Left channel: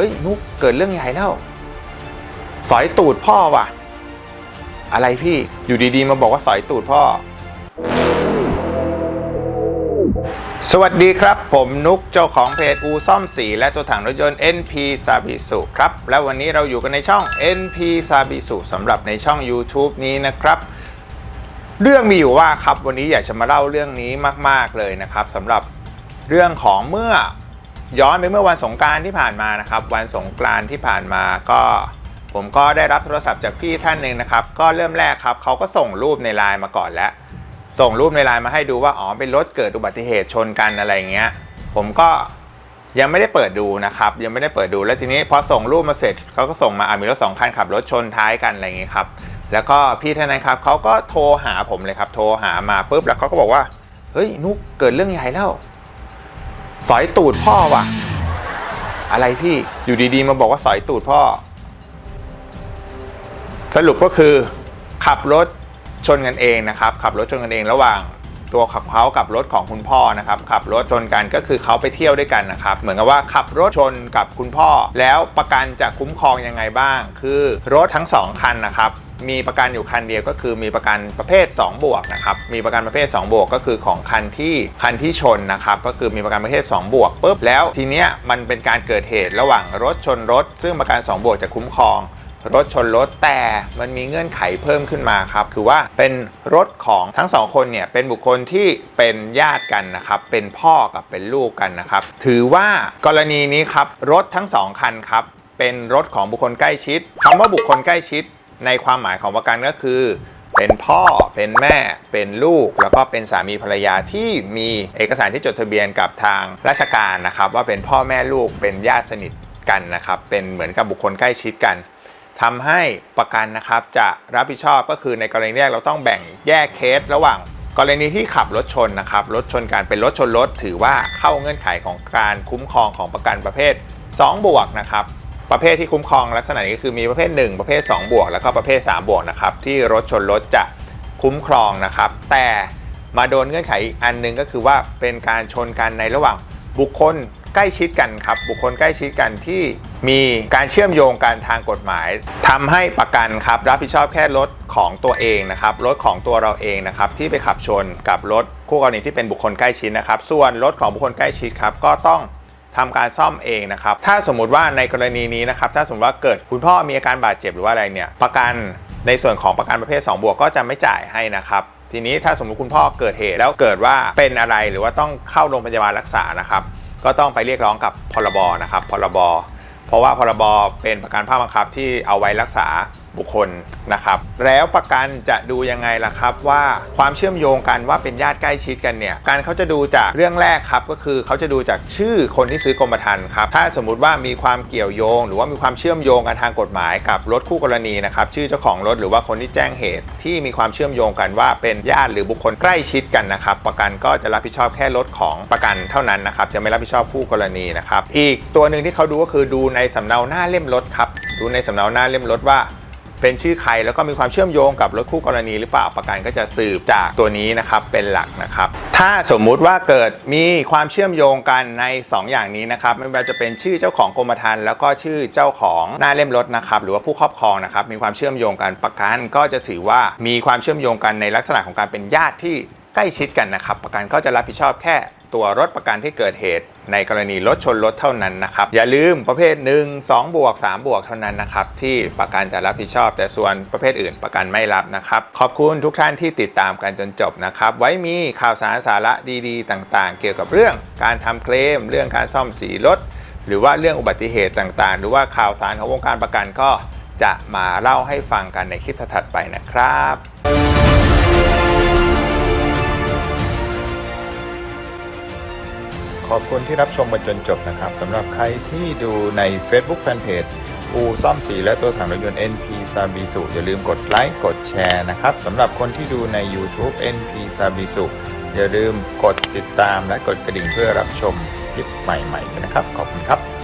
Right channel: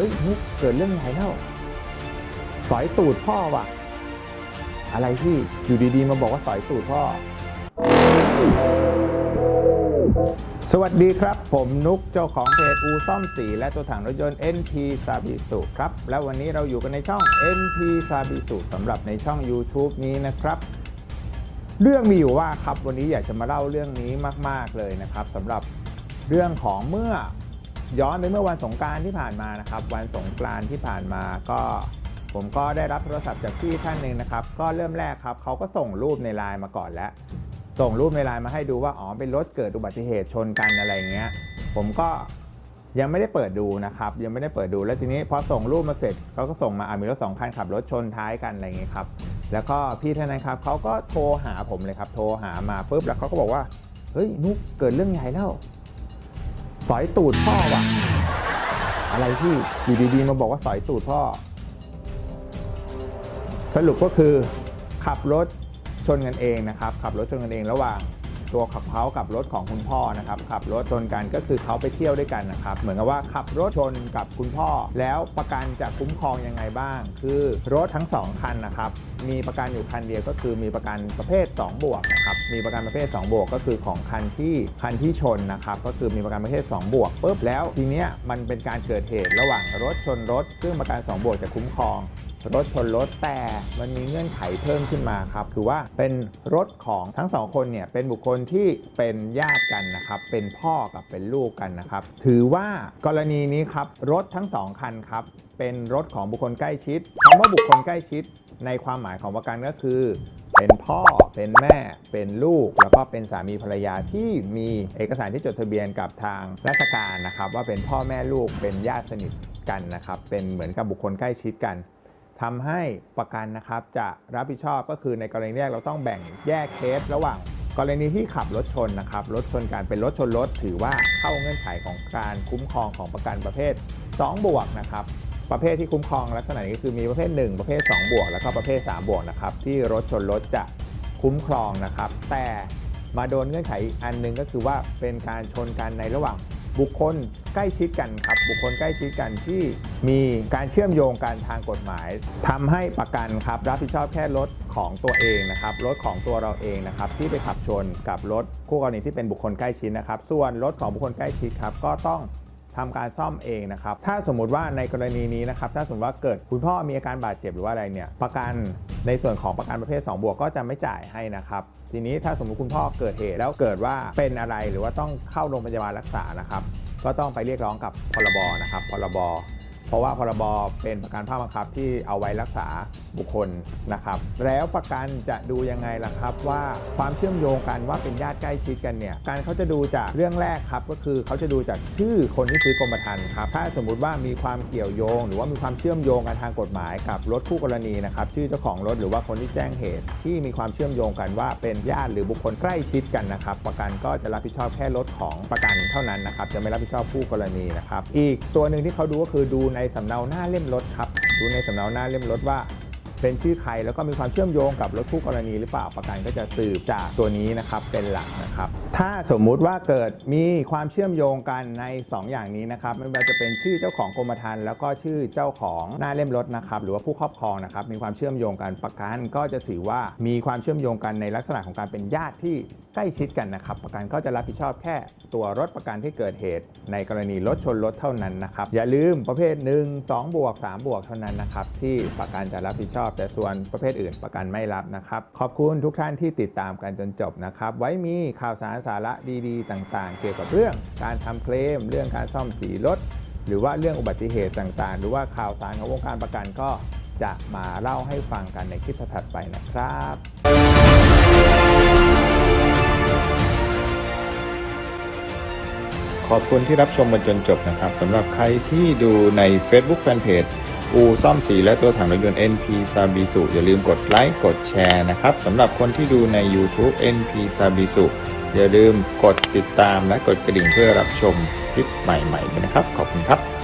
เฮ้ยนุกเกิดเรื่องใหญ่แล้วสอยตูดพ่อว่ะ อะไรพี่อยู่ดีๆ มาบอกว่าสอยตูดพ่อ สวัสดีครับ ผมนุกเจ้าของเพจอูซ่อมสี และตัวถังรถยนต์ NP s a b i s u ครับ และวันนี้เราอยู่กันในช่อง NP s a b i s u สำหรับในช่อง YouTube นี้นะครับเรื่องมีอยู่ว่าครับวันนี้อยากจะมาเล่าเรื่องนี้มาก ๆ เลยนะครับสำหรับเรื่องของเมื่อ ย้อนไปเมื่อวันสงการที่ผ่านมานะครับ วันสงกรานที่ผ่านมาก็ ผมก็ได้รับโทรศัพท์จากพี่ท่านหนึ่งนะครับ ก็เริ่มแรกครับเขาก็ส่งรูปในไลน์มาก่อนแล้ว ส่งรูปในไลน์มาให้ดูว่าอ๋อเป็นรถเกิดอุบัติเหตุชนกันอะไรเงี้ย ผมก็ยังไม่ได้เปิดดูนะครับ ยังไม่ได้เปิดดูแล้วทีนี้พอส่งรูปมาเสร็จเขาก็ส่งมาอะมีรถสองคันขับรถชนท้ายกันอะไรเงี้ยครับแล้วก็พี่ท่านนั้นครับเขาก็โทรหาผมเลยครับ โทรหามาปุ๊บแล้วเขาก็บอกว่าเฮ้ยนุกเกิดเรื่องใหญ่แล้ว สอยตูดพ่อว่ะ อะไรพี่อยู่ดีๆ มาบอกว่าสอยตูดพ่อ สรุปก็คือ ขับรถชนกันเองนะครับ ขับรถชนกันเองระหว่างตัวขับเขากับรถของคุณพ่อนะครับขับรถชนกันก็คือเขาไปเที่ยวด้วยกันนะครับ เหมือนกับว่าขับรถชนกับคุณพ่อ แล้วประกันจะคุ้มครองยังไงบ้าง คือรถทั้งสองคันนะครับ มีประกันอยู่คันเดียวก็คือมีประกันประเภท 2 บวกนะครับ มีประกันประเภท 2 บวกก็คือของคันที่คันที่ชนนะครับ ก็คือมีประกันประเภท 2 บวกปุ๊บแล้วทีเนี้ยมันเป็นการเกิดเหตุระหว่างรถชนรถ ซึ่งประกัน 2 บวกจะคุ้มครองรถชนรถแต่มันมีเงื่อนไขเพิ่มขึ้นมาครับ คือว่าเป็นรถของทั้งสองคนเนี่ยเป็นบุคคลที่เป็นญาติกันนะครับ เป็นพ่อกับเป็นลูกกันนะครับ ถือว่ากรณีนี้ครับ รถทั้งสองคันครับ เป็นรถของบุคคลใกล้ชิดคำว่าบุคคลใกล้ชิด ในความหมายของประกันก็คือ เป็นพ่อเป็นแม่เป็นลูก แล้วก็เป็นสามีภรรยาที่มีเอกสารที่จดทะเบียนกับทางราชการนะครับ ว่าเป็นพ่อแม่ลูกเป็นญาติสนิทกันนะครับเป็นเหมือนกับบุคคลใกล้ชิดกันทำให้ประกันนะครับจะรับผิดชอบก็คือในกรณีแรกเราต้องแบ่งแยกเคสระหว่าง กรณีที่ขับรถชนนะครับรถชนกันเป็นรถชนรถถือว่าเข้าเงื่อนไขของการคุ้มครองของประกันประเภท 2 บวกนะครับ ประเภทที่คุ้มครองลักษณะนี้ก็คือมีประเภท 1 ประเภท 2 บวก แล้วก็ประเภท 3 บวกนะครับที่รถชนรถจะคุ้มครองนะครับ แต่มาโดนเงื่อนไขอีกอันหนึงก็คือว่าเป็นการชนกันในระหว่างบุคคลใกล้ชิดกันครับ บุคคลใกล้ชิดกันที่มีการเชื่อมโยงกันทางกฎหมายทำให้ประกันครับรับผิดชอบแค่รถของตัวเองนะครับรถของตัวเราเองนะครับที่ไปขับชนกับรถคู่กรณีที่เป็นบุคคลใกล้ชิดนะครับ ส่วนรถของบุคคลใกล้ชิดครับก็ต้อง ทำการซ่อมเองนะครับ ถ้าสมมุติว่าในกรณีนี้นะครับ ถ้าสมมติว่าเกิดคุณพ่อมีอาการบาดเจ็บหรือว่าอะไรเนี่ย ประกันในส่วนของประกันประเภท 2 บวกก็จะไม่จ่ายให้นะครับ ทีนี้ถ้าสมมติคุณพ่อเกิดเหตุแล้วเกิดว่าเป็นอะไรหรือว่าต้องเข้าโรงพยาบาลรักษานะครับ ก็ต้องไปเรียกร้องกับพรบนะครับ พรบ เพราะว่าพรบเป็นประกันภาคบังคับที่เอาไว้รักษา บุคคลนะครับ แล้วประกันจะดูยังไงล่ะครับ ว่าความเชื่อมโยงกันว่าเป็นญาติใกล้ชิดกันเนี่ยการเขาจะดูจากเรื่องแรกครับ ก็คือเขาจะดูจากชื่อคนที่ซื้อกรมธรรม์ครับถ้าสมมุติว่ามีความเกี่ยวโยง หรือว่ามีความเชื่อมโยงกันทางกฎหมายกับรถคู่กรณีนะครับชื่อเจ้าของรถหรือว่าคนที่แจ้งเหตุ ที่มีความเชื่อมโยงกันว่าเป็นญาติหรือบุคคลใกล้ชิดกันนะครับ ประกันก็จะรับผิดชอบแค่รถของประกันเท่านั้นนะครับจะไม่รับผิดชอบคู่กรณีนะครับอีกตัวหนึ่งที่เขาดูก็คือดูในสำเนาหน้าเล่มรถครับดูในสำเนาหน้าเล่มรถว่า เป็นชื่อใครแล้วก็มีความเชื่อมโยงกับรถคู่กรณีหรือเปล่าประกันก็จะสืบจากตัวนี้นะครับเป็นหลักนะครับ ถ้าสมมุติว่าเกิดมีความเชื่อมโยงกันใน 2 อย่างนี้นะครับไม่ว่าจะเป็นชื่อเจ้าของกรมธรรม์แล้วก็ชื่อเจ้าของหน้าเล่มรถนะครับหรือว่าผู้ครอบครองนะครับมีความเชื่อมโยงกันประกันก็จะถือว่ามีความเชื่อมโยงกันในลักษณะของการเป็นญาติที่ใกล้ชิดกันนะครับ ประกันก็จะรับผิดชอบแค่ ตัวรถประกันที่เกิดเหตุ ในกรณีรถชนรถเท่านั้นนะครับ อย่าลืมประเภท 1 2 บวก 3 บวกเท่านั้นนะครับ ที่ประกันจะรับผิดชอบ แต่ส่วนประเภทอื่นประกันไม่รับนะครับ ขอบคุณทุกท่านที่ติดตามกันจนจบนะครับ ไว้มีข่าวสารสาระดีๆ ต่างๆ เกี่ยวกับเรื่องการทำเคลม เรื่องการซ่อมสีรถ หรือว่าเรื่องอุบัติเหตุต่างๆ หรือว่าข่าวสารของวงการประกันก็จะมาเล่าให้ฟังกันในคลิปถัดไปนะครับ ขอบคุณที่รับชมมาจนจบนะครับสำหรับใครที่ดูใน Facebook Fanpage อูซ่อมสีและตัวถังรถยนต์ NP s a b i s u อย่าลืมกดไลค์กดแชร์นะครับสำหรับคนที่ดูใน YouTube NP s a b i s u อย่าลืมกดติดตามและกดกระดิ่งเพื่อรับชมคลิปใหม่ๆนะครับ ขอบคุณครับ